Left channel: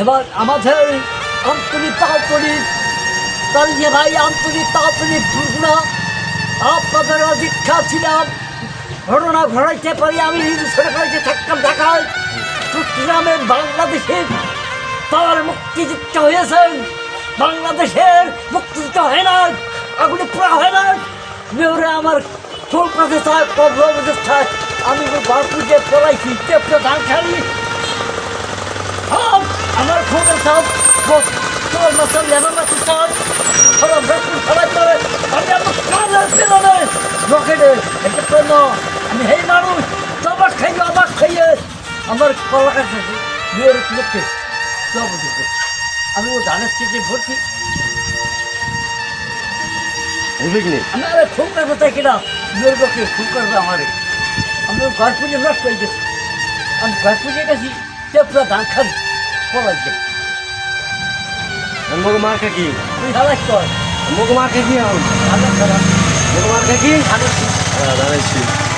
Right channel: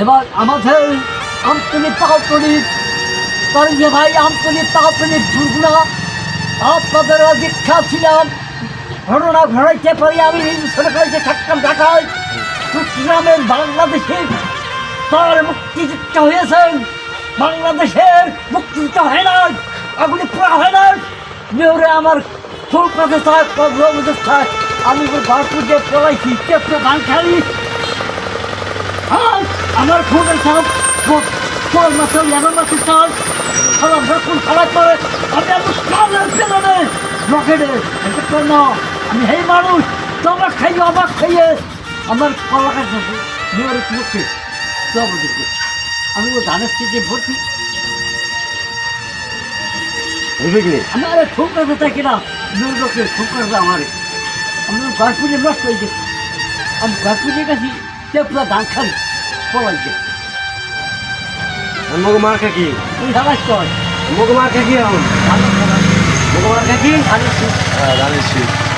এবার আমাদের আন্তরিক তাৎপরিক তারিখে ভাই আন্তরিক তাৎপরিক দুর্গুণা আপনাদের দীক্ষা ছিলাম ঘটনা ঘটাইতে পারি আমি সরকারিতে থাকতাম ঢাকায় চট্টগ্রামের বাংলাদেশের তার মুক্তিযুদ্ধ হয়েছেন বাংলাদেশের মুক্তিযুদ্ধ হয় না এগুলি পুরা হয় না মেয়রে আমার কলকাতা চায় প্রবলেম চায় আমি বাপুকে পড়াইছি চেপে ধান খাই আমার খবর সব তোর মাসের লেবার মাসে চাই সব ব্যাকুল খাবার করে আমি এত কালের ছেলে রকেটে এটা তো না আমি এই মানুষ তোমার খাইয়ে অবাক খাইয়ে আমার কলা কাছে মেয়র লোককে সভাপতিকে আমি ও ধানের স্টেজে ভর্তি আমি আরে ঠোক কাছে তাই কিনা মেয়র লোককে ঠোক কাছে আমারে আমি ঘর পুজো নষ্ট হয়ে গেছি আমি ঘর পুজো গেছি পুরো ধান খালি পলাই গেছি মগ মার্কা কি তুই হালাস কর মগ মার্কা কি এখন মগ মার্কা কি জানিস